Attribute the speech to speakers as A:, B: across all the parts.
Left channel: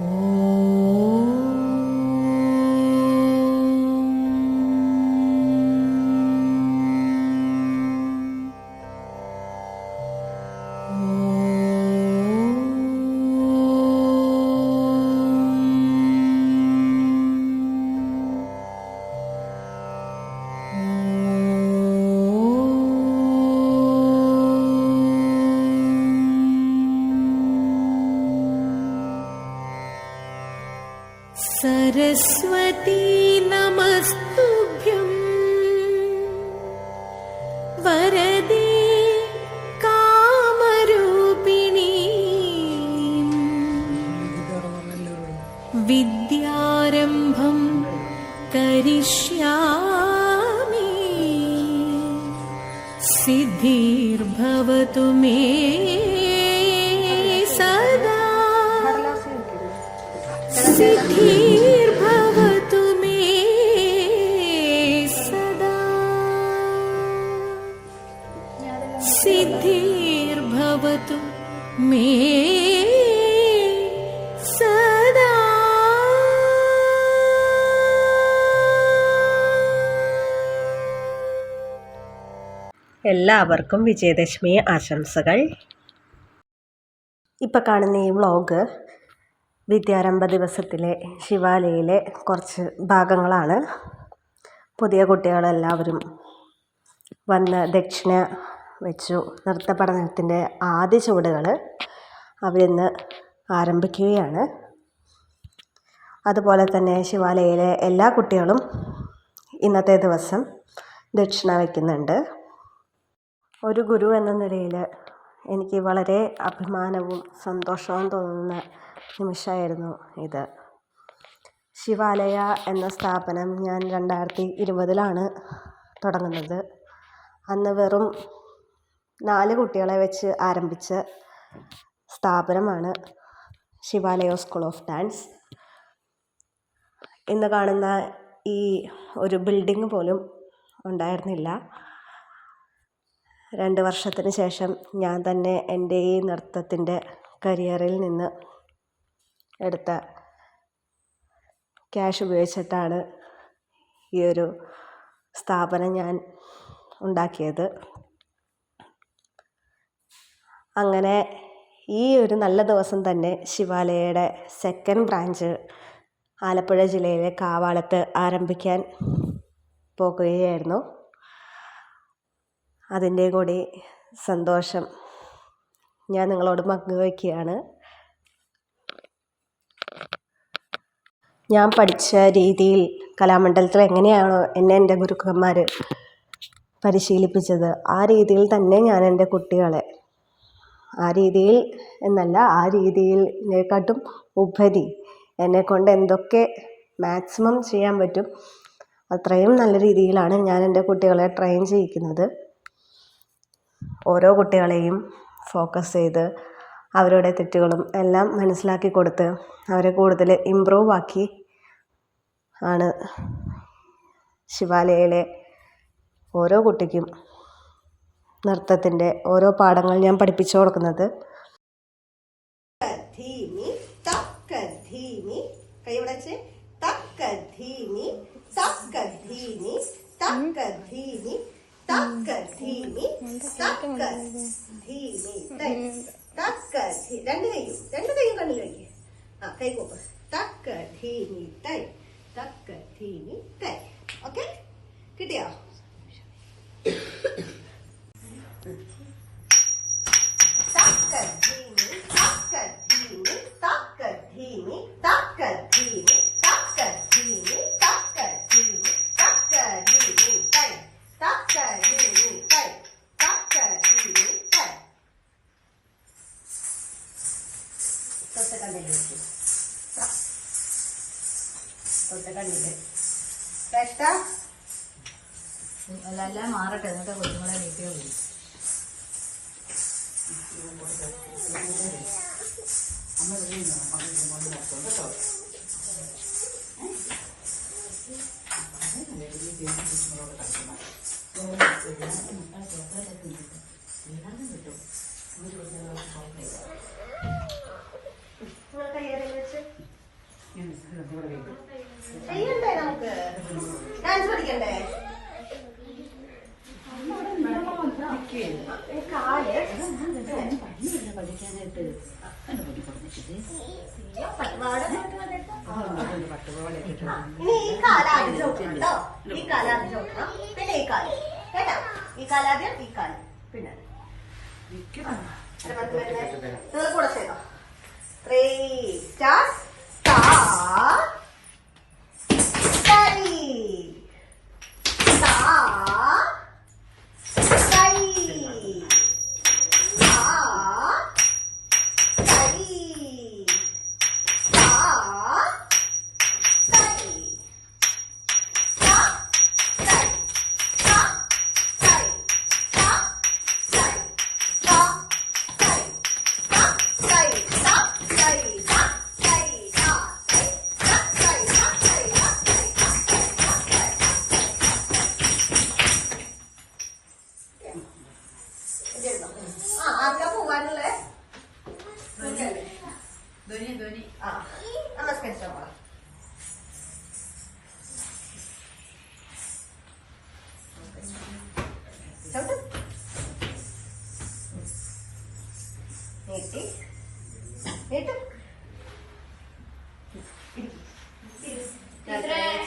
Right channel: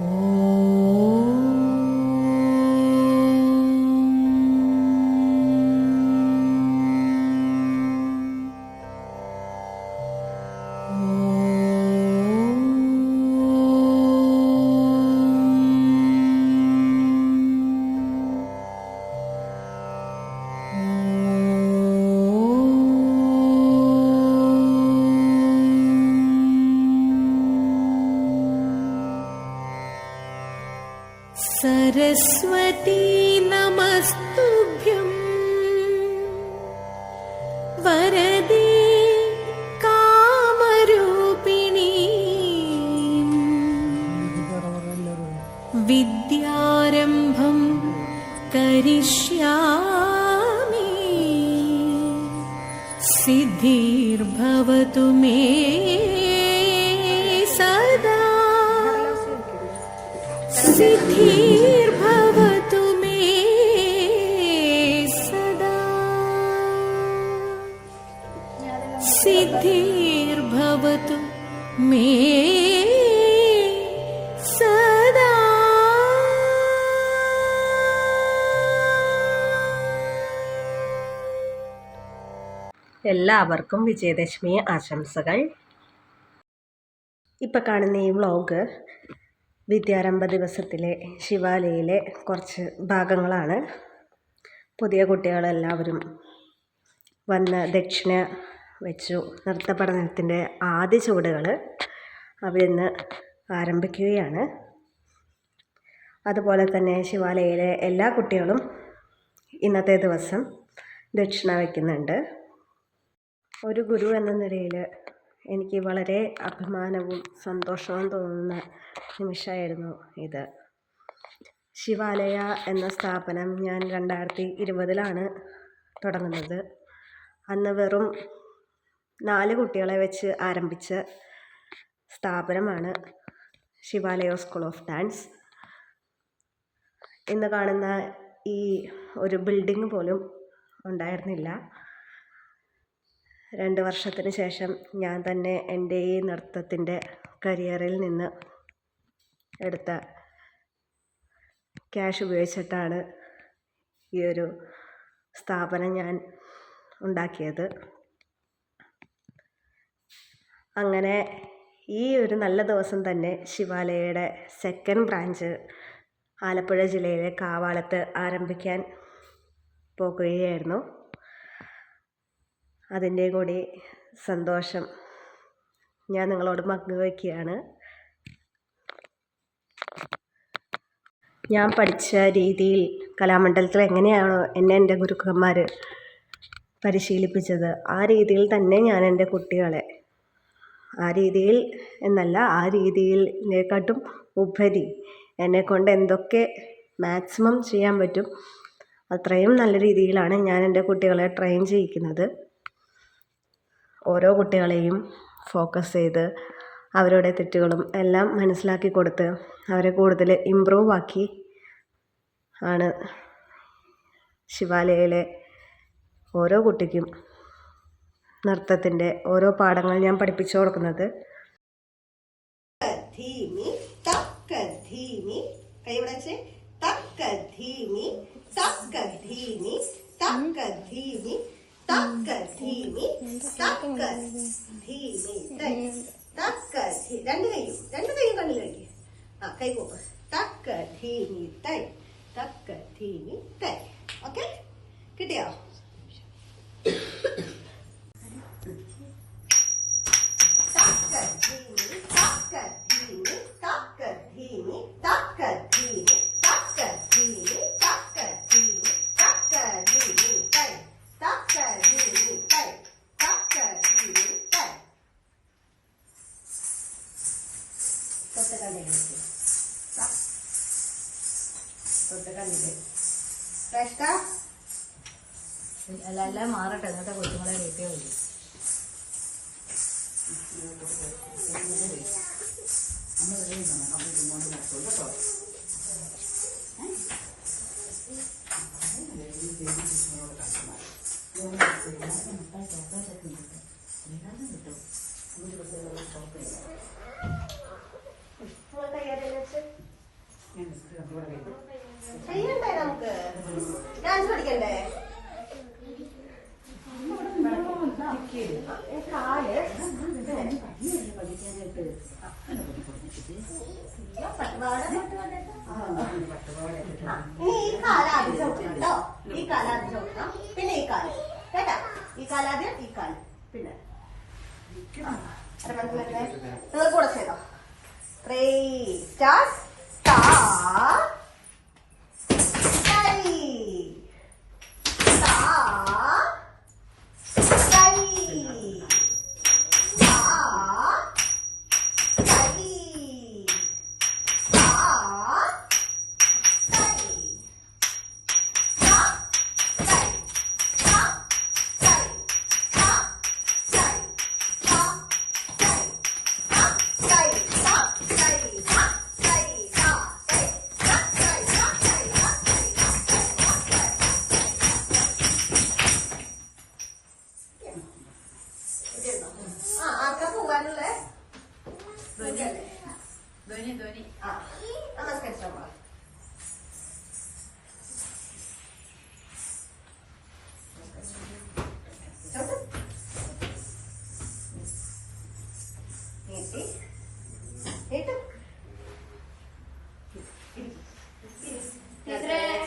A: Oh. Saraswati नमस्तुभ्यम् वरदे कामरूपिणी। विद्यारम्भं करिष्यामि। सिद्धिर्भवतु मे सदा। सिद्धिर्भवतु
B: എല്ലാവർക്കും വിജയദശമി ആശംസകൾ. ഇപ്പം കാണുന്ന ഈ വ്ളോഗ് വിദ്യാരംഭ ദിവസത്തിലെ ശിവാലയിലെ കുറച്ച് ഭാഗങ്ങളാണ്. പുതിയ കുട്ടികളെല്ലാവരും വന്ന് ദക്ഷിണ വെച്ചു നൃത്ത പഠനത്തിന്റെ ആദ്യ ചുവടുകൾ അവരിന്ന് ആരംഭിക്കുകയാണ്. അതുപോലെ തന്നെ ശിവാലയിലെ എല്ലാ കുട്ടികളും ഇന്നത്തെ ദിവസം ദക്ഷിണ വയ്ക്കുന്നുണ്ട് ഒരു ഗുരു എന്ന നിലയിൽ എനിക്ക് വളരെ അഭിമാനവും സന്തോഷവും തോന്നുന്ന നിമിഷമായിരുന്നു ഇത്. ശിവാലയ എന്ന സ്ഥാപനം ഞാൻ രണ്ടായിരത്തി ഇരുപതിലാണ് തുടങ്ങുന്നത്. അന്ന് വെറും നാല് കുട്ടികളെ വെച്ച് ആരംഭിച്ച സ്ഥാപനമാണ് ശിവാലയ സ്കൂൾ ഓഫ് ഡാൻസ്. ഇന്ന് കാണുന്ന ഈ ഒരു ബിൽഡിംഗ് പോലും ഉണ്ടായിരുന്നില്ല. രണ്ട് വർഷത്തിന് ശേഷം ഞാൻ തന്നെ എന്റെ ഈ നൃത്തത്തിന്റെ കരിയറിൽ നിന്ന് എടുത്ത ക്യാഷ് ഉപയോഗിച്ചിട്ടാണ് ഈ ഒരു സ്ഥാപനം ഞാൻ ഉണ്ടാക്കിയത്. അങ്ങനെ ഈ ഒരു നല്ല ദിവസം തന്നെ ശിവാലയയുടെ സെക്കൻഡ് ബ്രാഞ്ച് ആലപ്പുഴ ജില്ലയിലെ കാവാളത്ത് ആരംഭിക്കാൻ പോകുകയായിരുന്നു. അതിന്റെ കൂടി സന്തോഷം. ഞാൻ നിങ്ങളോട് പങ്കുവയ്ക്കുകയാണ് ഞാൻ പഠിച്ച രീതിയിൽ കലാമണ്ഡലത്തിൽ എങ്ങനെയാണോ എന്നെ എന്റെ ഗുരുക്കന്മാർ പരിശീലിപ്പിച്ചത് ആ രീതിയിൽ തന്നെ ഞാൻ എന്റെ കുട്ടികളെ ആ രീതിയിൽ എന്നല്ല ആ രീതിയിലേക്കാട്ടും ഉപരി എന്നെ കൊണ്ട് എന്തൊക്കെ മാക്സിമം ചെയ്യാൻ പറ്റും അത്രയും നല്ല രീതിയിലാണ് ഞാൻ എന്റെ കുട്ടികളെ ട്രെയിൻ ചെയ്യിക്കുന്നത്. ഓരോ കുട്ടികളെയും ഫോക്കസ് ചെയ്ത് അവരുടെ തെറ്റുകളും എല്ലാം മനസ്സിലാക്കി കൊടുത്ത് അവരെ കൂടുതൽ ഇമ്പ്രൂവ് ആക്കി ആണ് ശിവാലയയിലെ ഓരോ കുട്ടിക്കും നൃത്തത്തിന്റെ ഓരോ പാഠങ്ങൾ ഞാൻ പഠിപ്പിച്ചു കൊടുക്കുന്നത്. ധീമി തക്ക ധീമി കൈവിടച്ച് തക്ക ധീമി തക്ക ധീമി തക്ക രണ്ട് കൈ പോക്ക്. തക്ക തൈ. തക്ക തൈ. ഓക്കെ? കിട്ടിയോ?
C: എല്ലാം മാറട്ടെ എന്നിട്ട് കൊടുക്കുന്ന വീട്ടിൽ
B: വിളി നമുക്ക് ഡാൻസ്
C: പഠിക്കണ്ടേ? എന്നെ പഠിപ്പിച്ചിട്ട്
B: ¿sí? ¿Esto? ¿Sí? ¿Sí?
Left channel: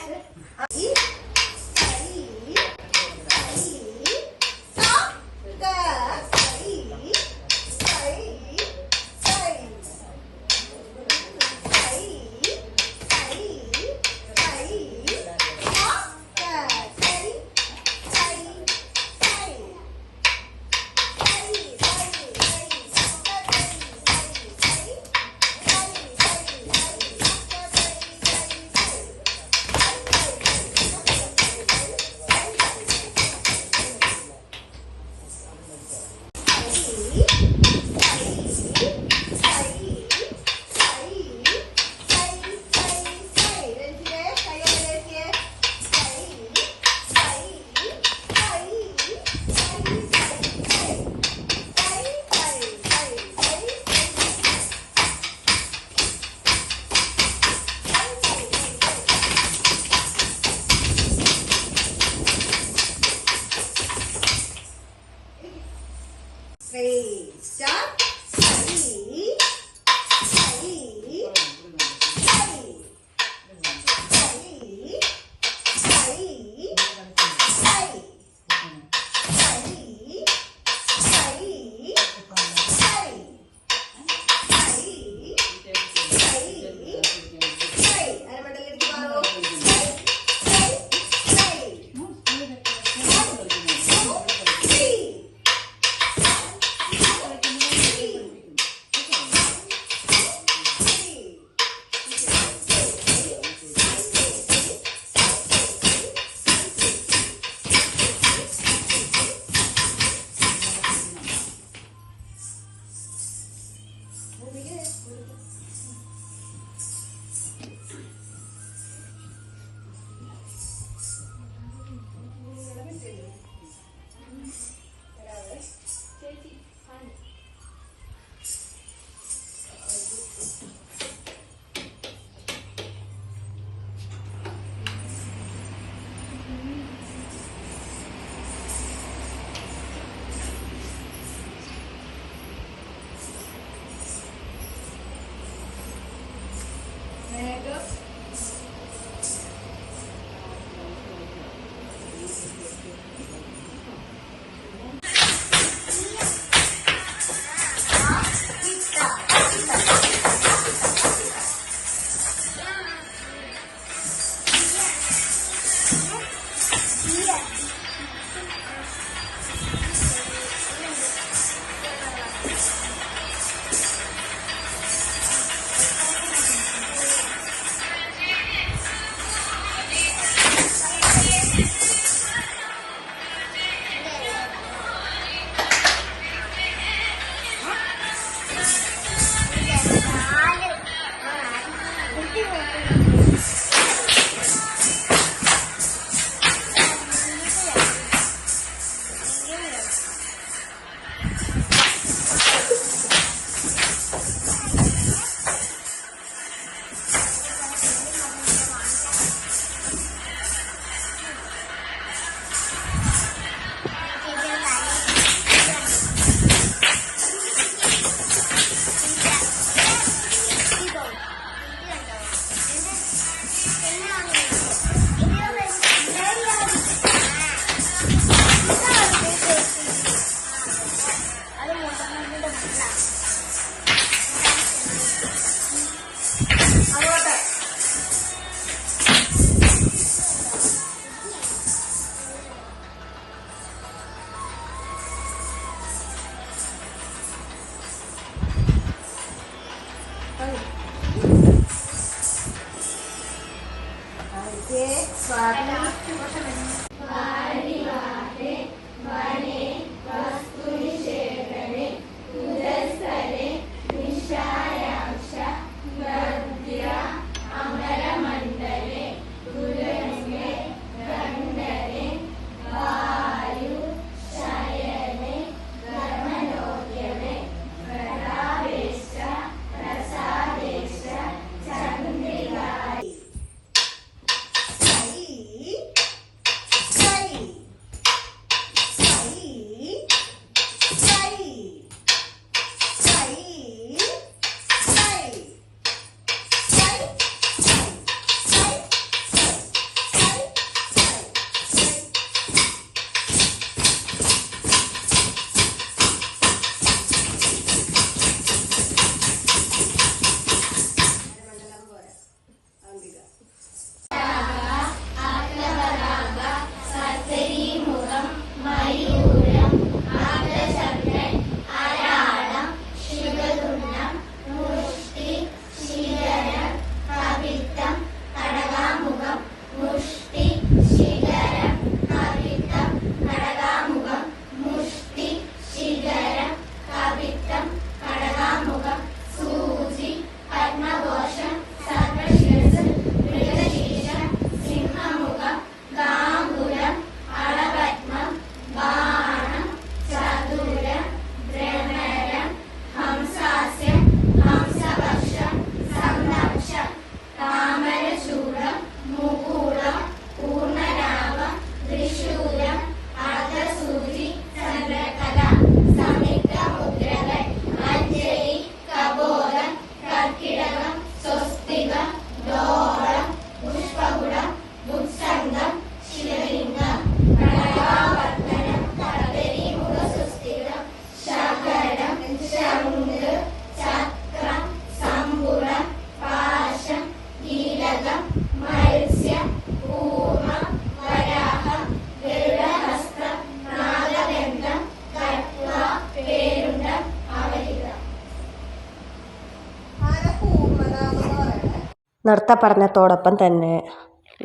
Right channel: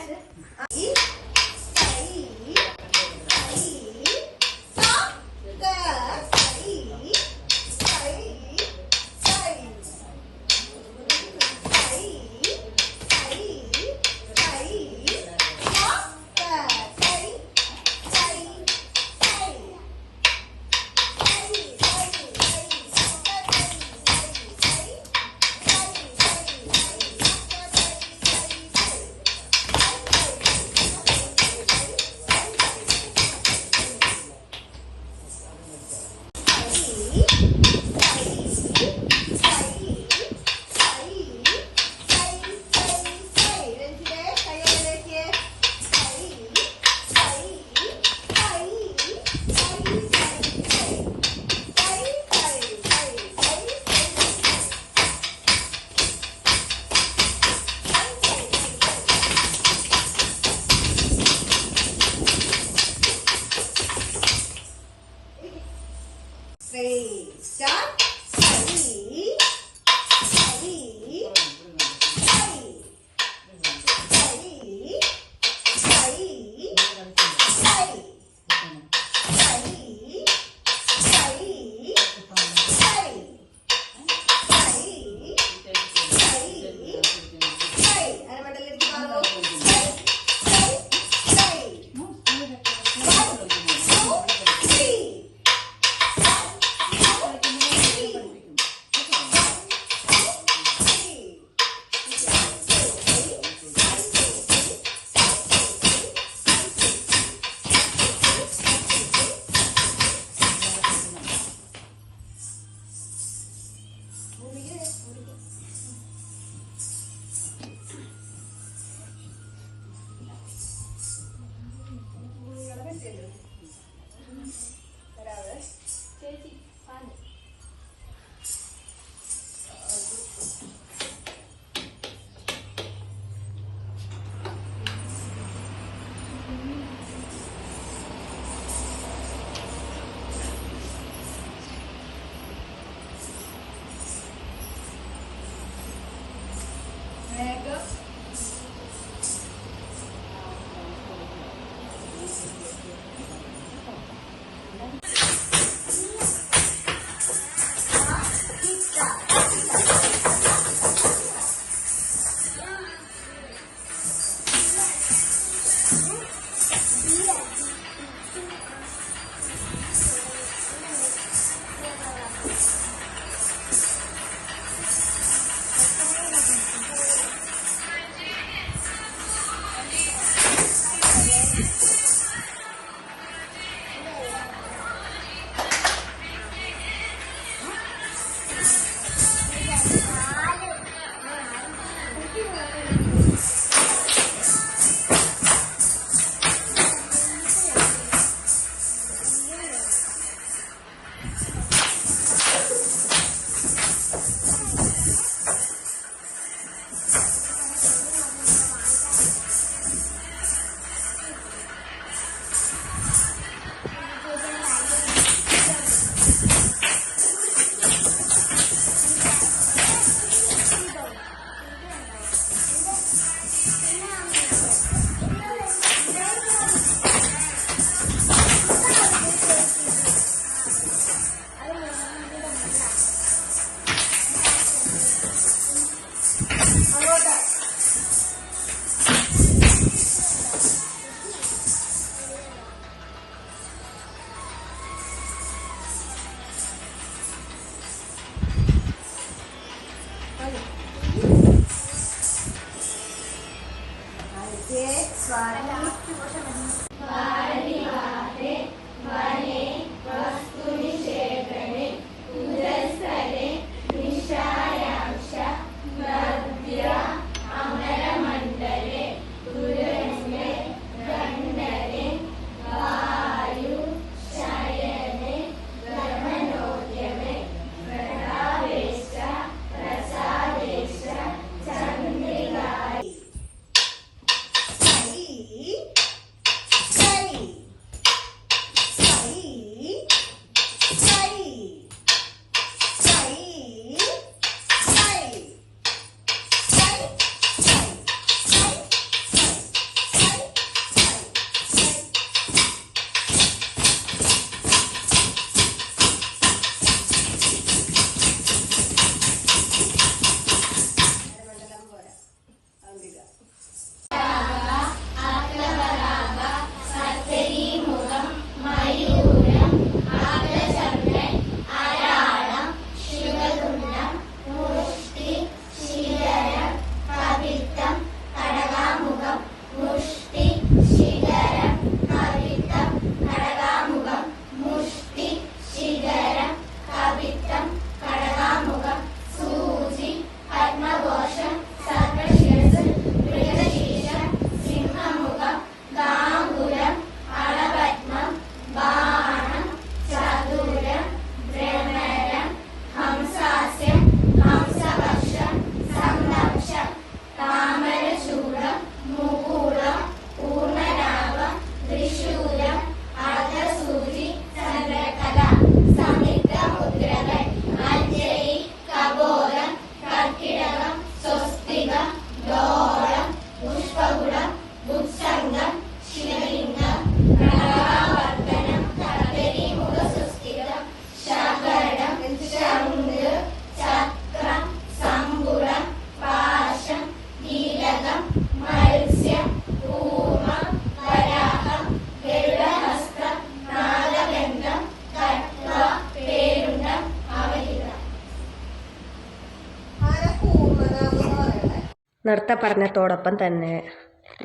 B: നൃത്ത പഠനത്തോടൊപ്പം തന്നെ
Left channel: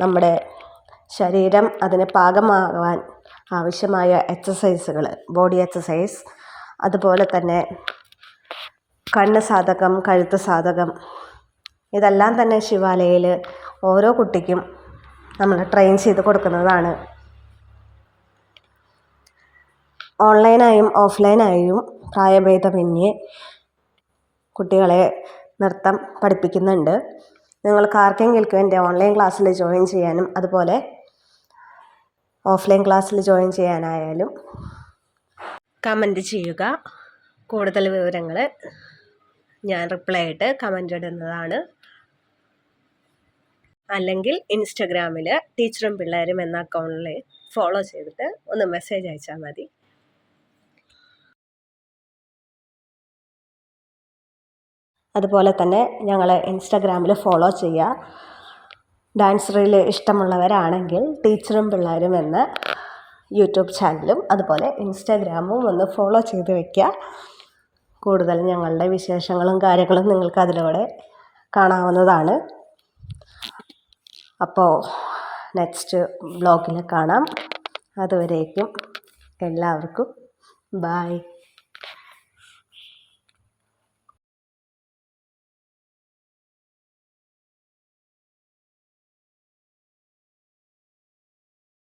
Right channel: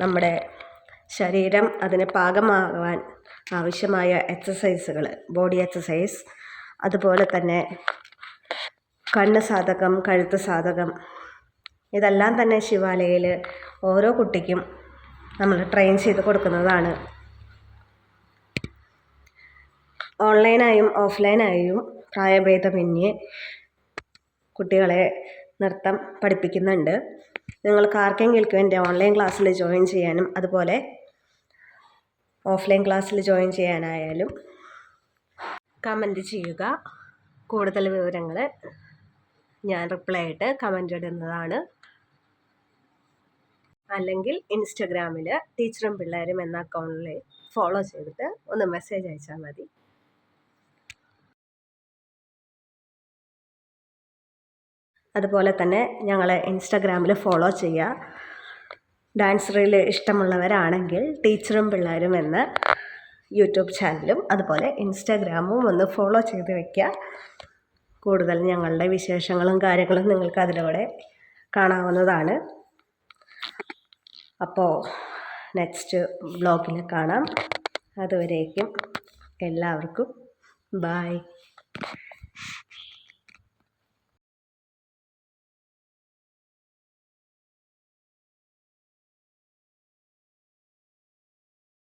B: നമ്മുടെ ശരീരം അതിന് പാകമാകാൻ ആവശ്യമായ എക്സസൈസുകൾ ബോഡി എക്സസൈസ് അതുപോലെ തന്നെ കണ്ണ് സാധകം കഴുത്ത് സാധകം ഇതെല്ലാം തന്നെ ശിവാലയയിൽ ഓരോ കുട്ടിക്കും നമ്മൾ ട്രെയിൻ ചെയ്ത് കൊടുക്കുന്നതാണ്. ഓൺലൈനായും ഓഫ്ലൈനായും പ്രായഭേദമന്യേ കുട്ടികളെ നൃത്തം പഠിപ്പിക്കുന്നുണ്ട്. നിങ്ങൾക്ക് ആർക്കെങ്കിലും എന്റെ ഓൺലൈൻ ക്ലാസ്സിൽ ജോയിൻ ചെയ്യാനും അതുപോലെ ഓഫ്ലൈൻ ക്ലാസ്സിൽ ജോയിൻ ചെയ്യാനായാലും കമന്റ് ചെയ്യുക. കൂടുതൽ വിവരങ്ങൾ ഞാൻ റിപ്ലൈ ആയിട്ട് കമന്റ് ഇടുന്നതാണ്. അല്ലെങ്കിൽ ഇൻസ്റ്റഗ്രാമിൽ ടീച്ചറും പിള്ളേരും എന്ന അക്കൗണ്ടിൽ ഫോളോ ചെയ്തിട്ട് ഒന്ന് മെസ്സേജ് അയച്ചാൽ മതി. അതുപോലെ തന്നെ ഞങ്ങളെ ഇൻസ്റ്റാഗ്രാമിൽ ഫോളോ ചെയ്യുക. ഡാൻസ് റീൽ ഇഷ്ടമുള്ളവരാണെങ്കിൽ ടീച്ചറും പിള്ളേരും എന്ന യൂട്യൂബ് ചാനലും അതുപോലെ ഇൻസ്റ്റാഗ്രാമും ഒന്ന് ഫോളോ ചെയ്ത് വയ്ക്കുക കൂടുതൽ ഞങ്ങളുടെ വിശേഷങ്ങളും കാര്യങ്ങളും നിങ്ങൾക്ക് അതിലൂടെ കാണാവുന്നതാണ്. അപ്പോൾ നെക്സ്റ്റ് ബ്ലോഗിൽ കാണാം. അതുവരേക്കും എല്ലാവർക്കും ബായ്.